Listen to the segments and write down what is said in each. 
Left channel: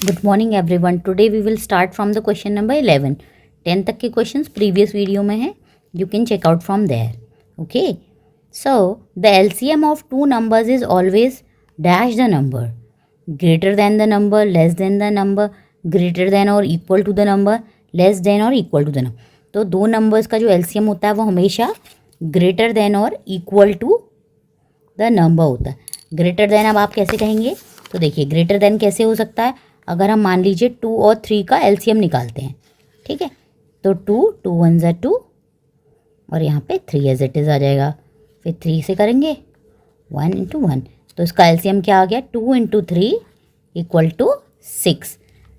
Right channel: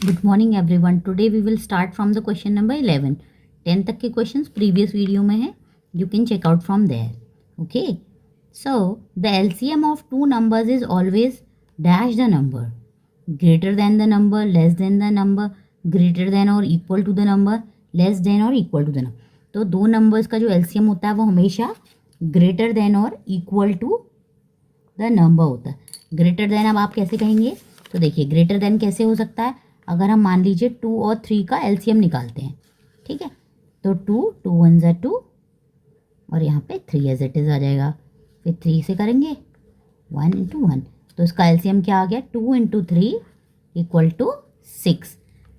Good morning everyone. Today we will start from the question number 11। 10 तक के questions previous video में हैं, you can check out from there. Okay, so the LCM of two numbers is always dash the number, greater than the number, less than the number, greater than और equal to the number, less than और equal to the number. तो दो numbers का जो LCM होता है वो हमेशा ग्रेटर देन और इक्वल टू द नंबर होता है। ग्रेटर देन अब आप कैसे कहेंगे? तो देखिए, ग्रेटर देन कैसे हो सकता है? अगर हम मान लीजिए 2 और 3 का एलसीएम निकालते हैं, ठीक है, तो 2 1 ज़ा 2 और यहाँ पे 3 एज इट इज़ आ जाएगा। फिर 3 से करेंगे 1 इंटू 1, तो इसका एलसीएम क्या आ गया? 2 इंटू 3 इक्वल टू 6।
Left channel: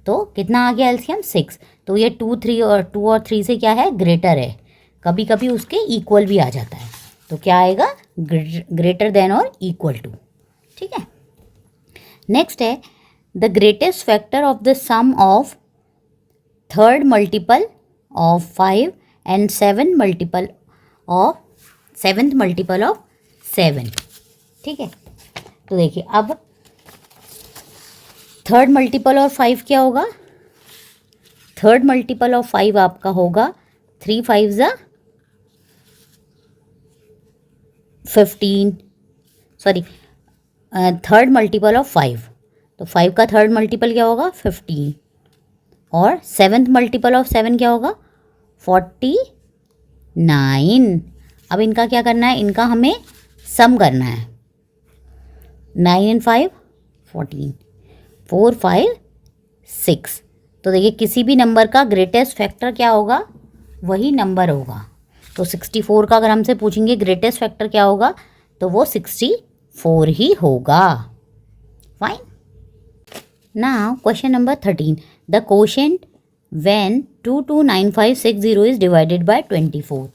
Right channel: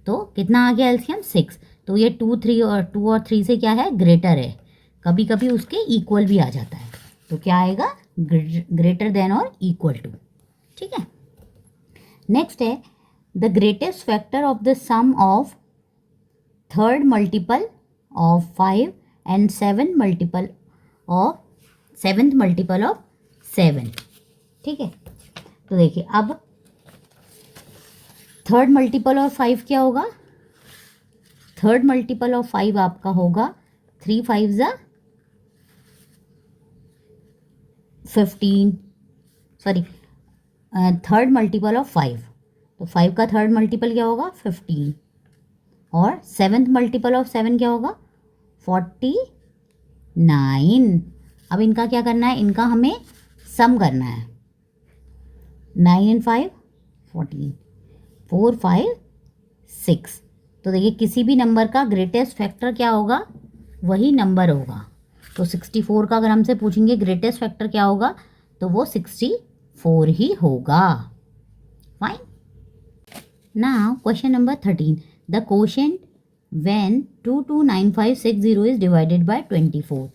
तो कितना आ गया एलसीएम? 6। तो ये 2 और 3 से क्या है? ग्रेटर है। कभी कभी उसके इक्वल भी आ जाता है, तो क्या आएगा? ग्रेटर देन और इक्वल टू। ठीक है, नेक्स्ट है the greatest factor of the sum of third multiple of 5 and seventh multiple of 7। ठीक है, तो देखिए अब थर्ड मल्टीपल ऑफ 5 क्या होगा? थर्ड मल्टीपल ऑफ 5 आपका होगा 3 5 ज़ा 15, सॉरी, थर्ड मल्टीपल ऑफ 5, तो 5 का थर्ड मल्टीपल क्या होगा? 15। और सेवेंथ मल्टीपल ऑफ 7 क्या होगा? 49। अब इनका क्या करना है? इनका हमें सम करना है। 9 एंड 5 14, 4 5 6। तो देखिए, किसी भी नंबर का ग्रेटेस्ट फैक्टर क्या होगा? वही नंबर होगा। तो 64 का अगर हमसे पूछेंगे ग्रेटेस्ट फैक्टर क्या होगा, तो वो 64 ही होगा। Fine. Now question number 13, the quotient when 229560 is divided by 24।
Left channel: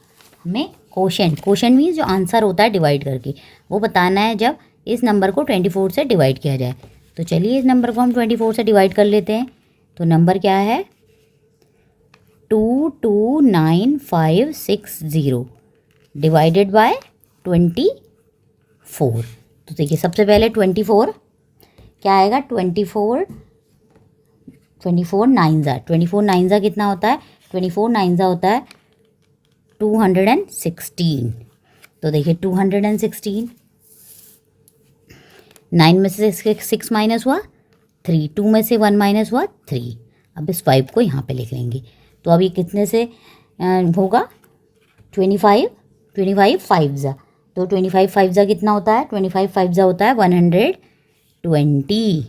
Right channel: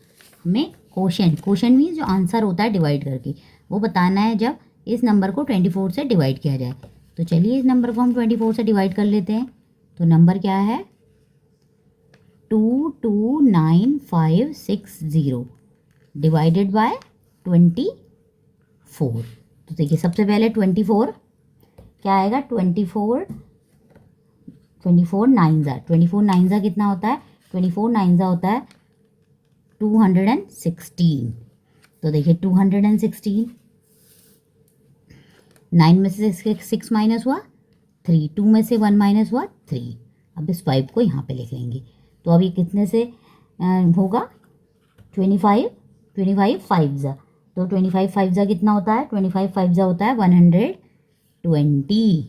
हमें कोशेंट मीन्स जो आंसर होता है डिवाइड करके, वो बताना है जब इस नंबर को 24 से डिवाइड किया जाए। तो चलिए इस नंबर को हम 24 से डिवाइड कर लेते हैं। तो नंबर क्या है? 229560 डिवाइडेड बाय 24। तो देखिए, सबसे पहले 24 क्या आएगा? 24 9 ज़ा कितना होता है? 24 9 ज़ा होता है 216। तो देखिए 216, 9 में से 6 माइनस हुआ 3, 2 में से 1 माइनस हुआ 3। अब इस 5 को यहाँ पे लिख लेंगे। तो अब ये कितने से होगा? 25 5 ज़ा, तो 25 5 ज़ा कितना होता है? 25 5 ज़ा होता है 120।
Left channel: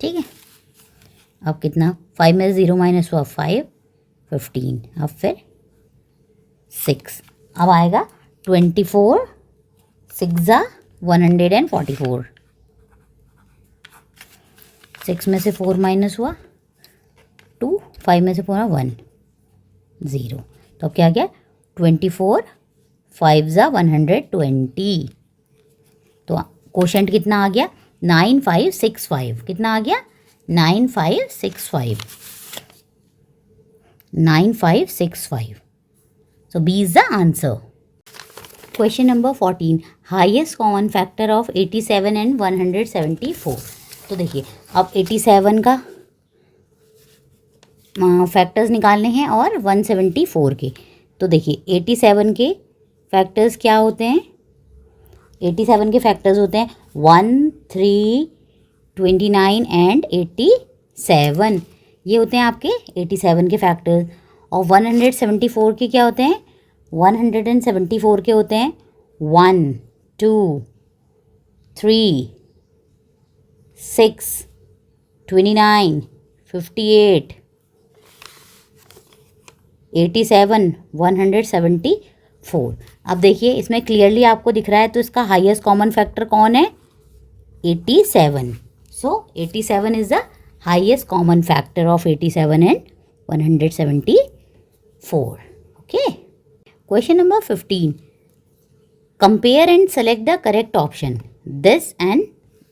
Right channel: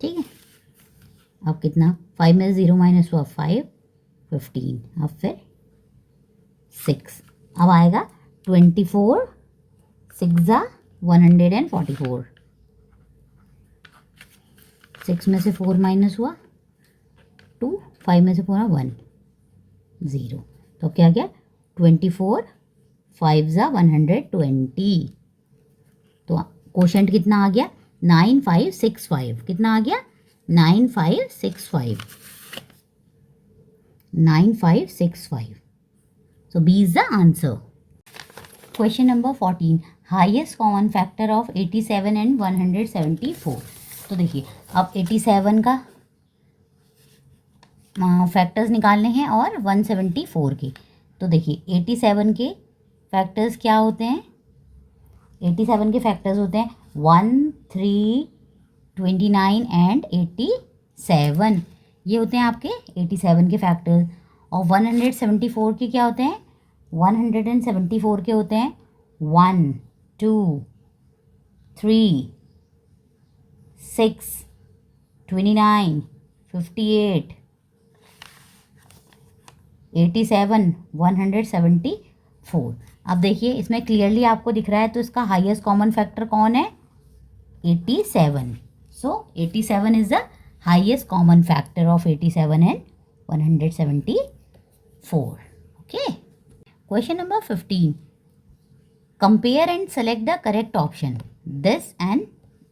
ठीक है, अब कितना? 5 में 0 माइनस हुआ 5 15, अब फिर 6। अब आएगा 24 6 ज़ा 144, 6 में से 4 माइनस हुआ 2, 5 में से 4 1 0। तो अब क्या गया? 24 5 ज़ा 120। तो कोशेंट कितना आ गया? 9565। कितना आ गया? 9565। So B is the answer. Question number 14, highest common factor of 87 and 174। तो देखिए, अब 87 का फैक्टर्स निकालने हैं और 174 के। तो देखिए 87 के फैक्टर्स क्या होते हैं? 87 के फैक्टर्स होते हैं 1 3 29 एंड 87। ये होते हैं आपके 87 के फैक्टर्स। और 174 के क्या होते हैं? 174 के होते हैं 1 2 3 6 29 58 87 174। अब देखिए, इसमें क्लियरली आपको दिख रहा है, तो इसका हाईएस्ट कॉमन फैक्टर कौन है? 87। सो 87 is the highest common factor of 87 and 174। Okay, question number 15, compare and select the correct option this and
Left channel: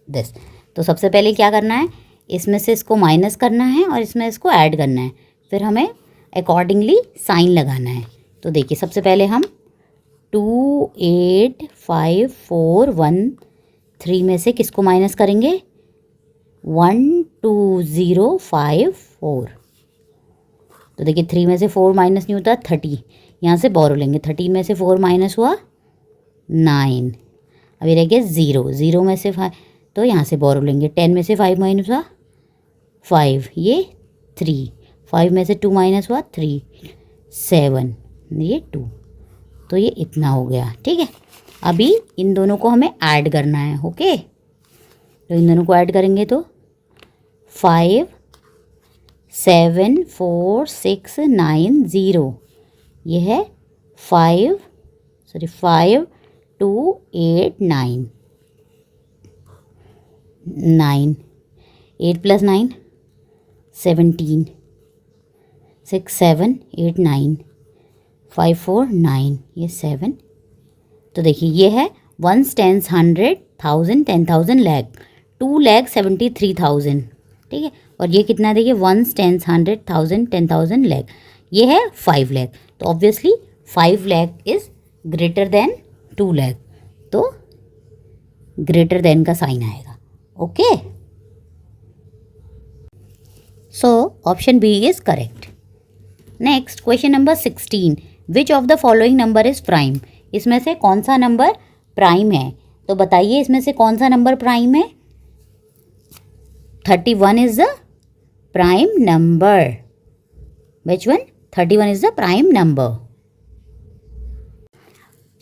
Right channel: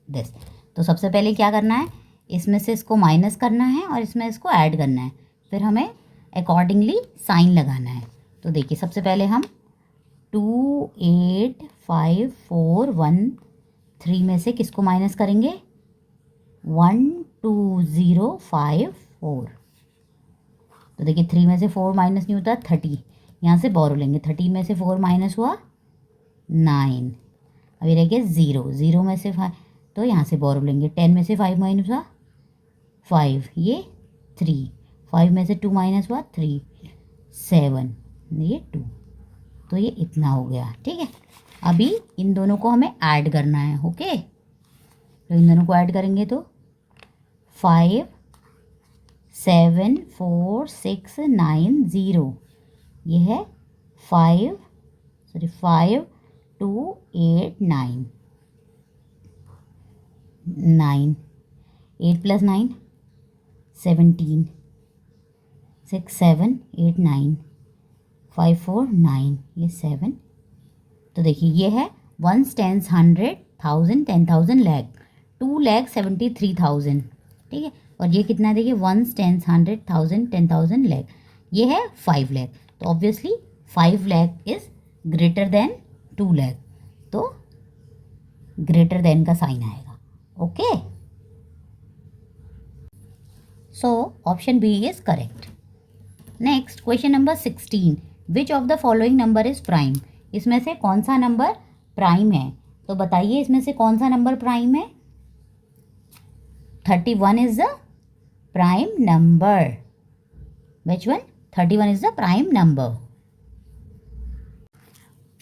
this. तो सबसे पहले क्या करना है? इसमें से इसको माइनस करना है और इसमें इसको ऐड करना है, फिर हमें अकॉर्डिंगली साइन लगाना है। तो देखिए, सबसे पहले हम 2 8 5 4 1 3 में से किसको माइनस करेंगे? 12054। तो देखिए 3 में से 4 माइनस नहीं होता 30, यहाँ से बोरो लेंगे, 13 में से 4 माइनस हुआ 9, अभी रह गया 0, 0 में से 5 तो यहाँ से बोरो लेंगे, 10 में से 5 माइनस हुआ 5, ये 3, 5 में से 2 माइनस हुआ 3, 7, ये 2, तो ये इतना हो गया। ठीक है, अभी इन दोनों को हमें ऐड करना है। ओके, तो इन दोनों को ऐड करेंगे तो 5 7 4 6 9 0, ये है 5 2 8 9, 9, 8 प्लस 9 17, 6 7 8 9, 5 4 9, ये 7। तो देखिए ये है 1 10 100 1000 10,000 लाख, 2,73,000। ठीक है, और ये कितना है देखिए 1 10 100 1000 10,000 लाख, ये है 5 लाख। तो obviously 5 lakh is greater than 2 lakh, तो ग्रेटर देन का साइन आएगा। Okay, so option B is correct. Next question number 16, which of the following number is prime. इसमें से कौन सा नंबर प्राइम है, तो बताइए इसमें से कौन सा नंबर प्राइम है। 31 is the prime number. Which one? 31 is the prime number.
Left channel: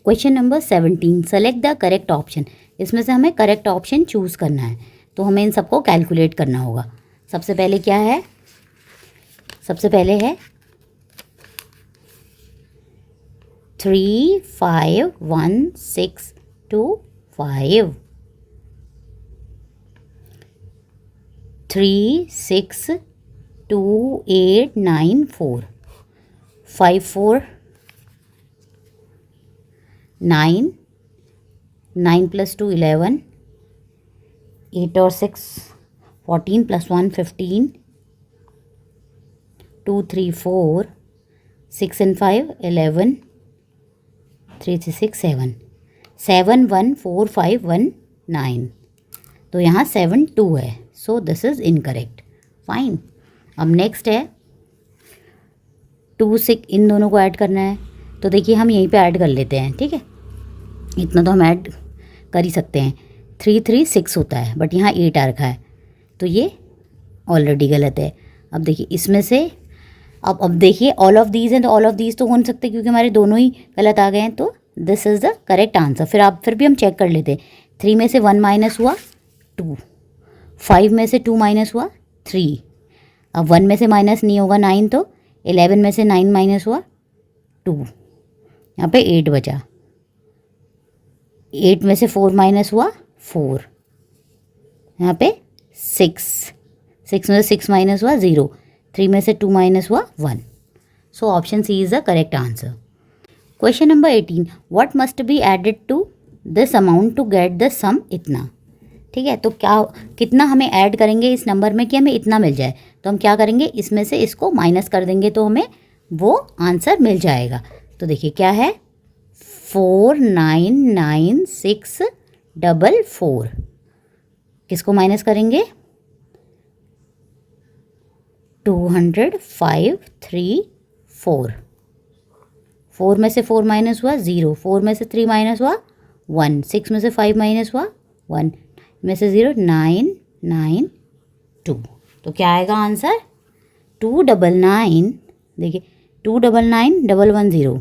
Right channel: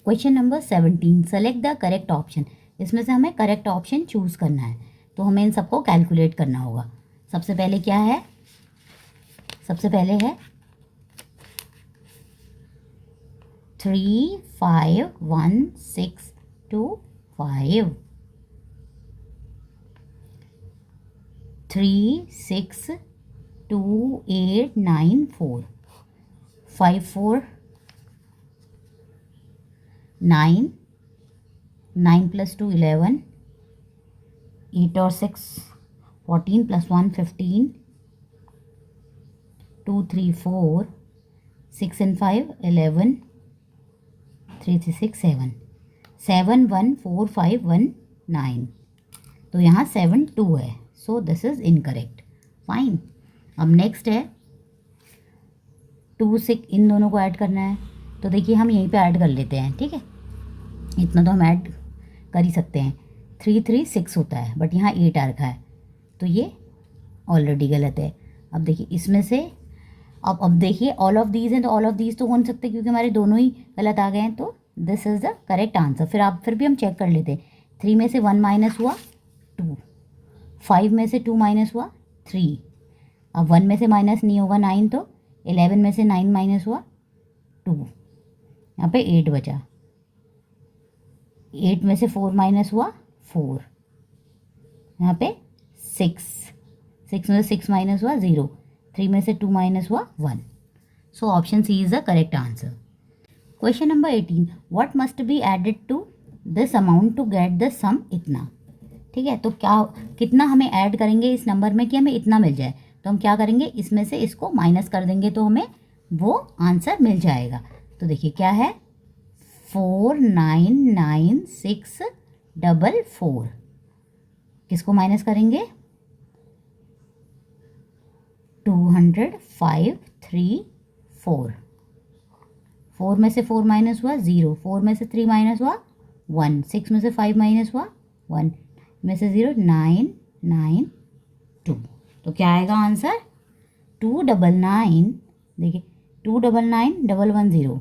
Question number 17, select the correct option. इसमें से हमें करेक्ट ऑप्शन चूज़ करना है, तो हमें इन सबको कैलकुलेट करना होगा। सबसे पहले क्या है, सबसे पहले है 3 5 1 6 2 5, 3 6 2 8 9 4, 5 4 9, 9 प्लस 2 11, 8 और 6 14 प्लस 1 15, 2 3 4, 6 and 5 11, 3 3 6 7, 7 1 4 5 1 9, तो यहाँ 7 2 है, so this is incorrect. Fine, अब नेक्स्ट है 2 6, इन दोनों को ऐड करना है, तो देखिए हम यहीं पे ऐड कर लेते हैं। ठीक है, इतना तो हम ऐड कर ही सकते हैं। 3 3 6 होता है, बट यहाँ 8 आ रखा है, तो ये ऑलरेडी गलत है। अब देखिए इसमें से अब देखिए all of these and all of these तो हो नहीं सकते, क्योंकि हमारे दोनों ही गलत आ गए हैं, तो this is the correct answer. फिर भी हम चेक कर लेते हैं। 3 में से 1 माइनस हुआ 2, 5 में से 2 माइनस हुआ 3, अब 1 में से माइनस नहीं होगा 9, तो 11 में से 9 माइनस हुआ 2, यहाँ पे 8 बचा, 8 में से 4 माइनस हुआ 4, यहाँ पे 6, 6 में से 6 माइनस हुआ 0, 3 में से 2 माइनस हुआ 1, so option C is the correct answer. Question number 18, what must be added to this amount to get the sum इतना। ठीक है, तो क्या कितना हमें ऐड करेंगे इस नंबर में कि हमें इतना मिल जाए, तो हम क्या करेंगे, इसमें से इसको माइनस कर देंगे तो हमें वो आंसर मिल जाएगा। तो देखिए क्या है 499644, किसको माइनस करेंगे 20534, 4 में से 4 माइनस हुआ 0, 4 में से 3 माइनस हुआ 1, 6 में से 5 माइनस हुआ 1, में से 0 992, तो क्या आएगा आंसर 299। देखिए 299,110,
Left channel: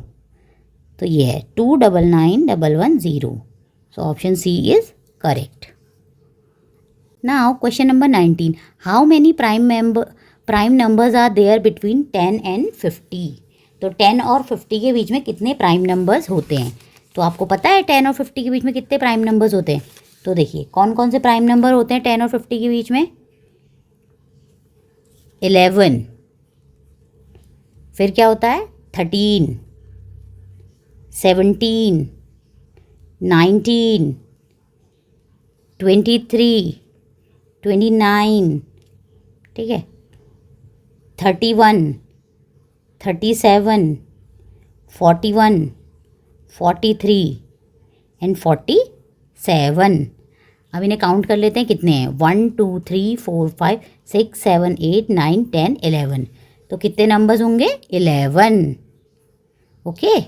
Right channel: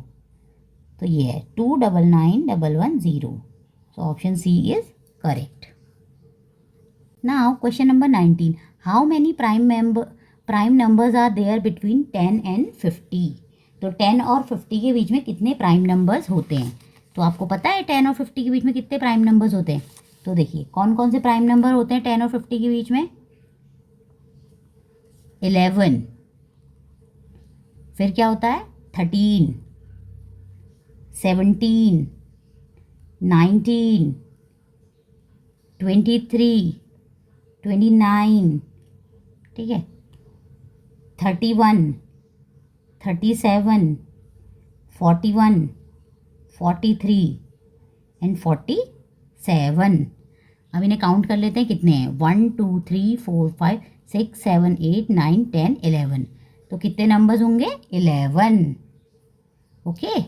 तो ये है 299,110, so option C is correct. Now question number 19, how many prime numbers are there between 10 and 50। तो 10 और 50 के बीच में कितने प्राइम नंबर्स होते हैं, तो आपको पता है 10 और 50 के बीच में कितने प्राइम नंबर्स होते हैं। तो देखिए कौन कौन से प्राइम नंबर होते हैं 10 और 50 के बीच में, 11, फिर क्या होता है 13, 17, 19, 23, 29, ठीक है 31, 37, 41, 43 एंड 47। अब इन्हें काउंट कर लेते हैं कितने हैं, 1 2 3 4 5 6 7 8 9 10 11। तो कितने नंबर्स होंगे, 11। Okay.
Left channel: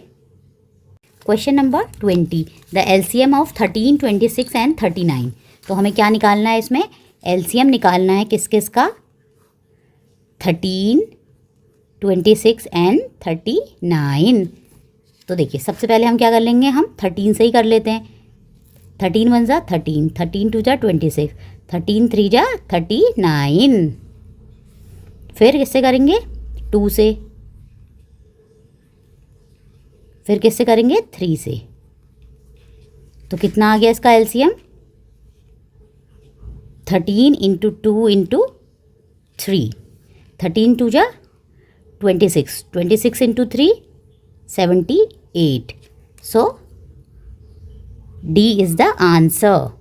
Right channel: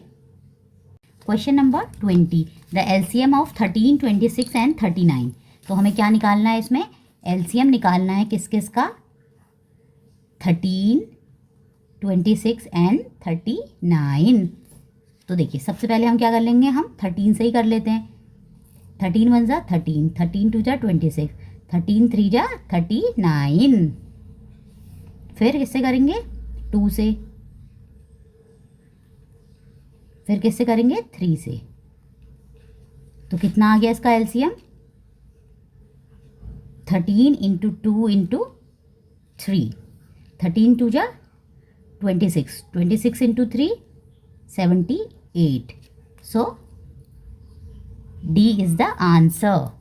Question number 20, the LCM of 13, 26 and 39। तो हमें क्या निकालना है इसमें, एलसीएम निकालना है किस किस का, 13, 26 एंड 39। तो देखिए सबसे पहले हम क्या कर लेंगे, हम 13 से ही कर लेते हैं। 13 1 जा 13, 13 2 जा 26, 13 3 जा 39। फिर किससे करेंगे, 2 से, फिर किससे करेंगे, 3 से। तो कितना आ गया इसका एलसीएम, 13 इंटू 2 इंटू 3, 13 2 जा 26, 26 into 3 78। So D is the answer.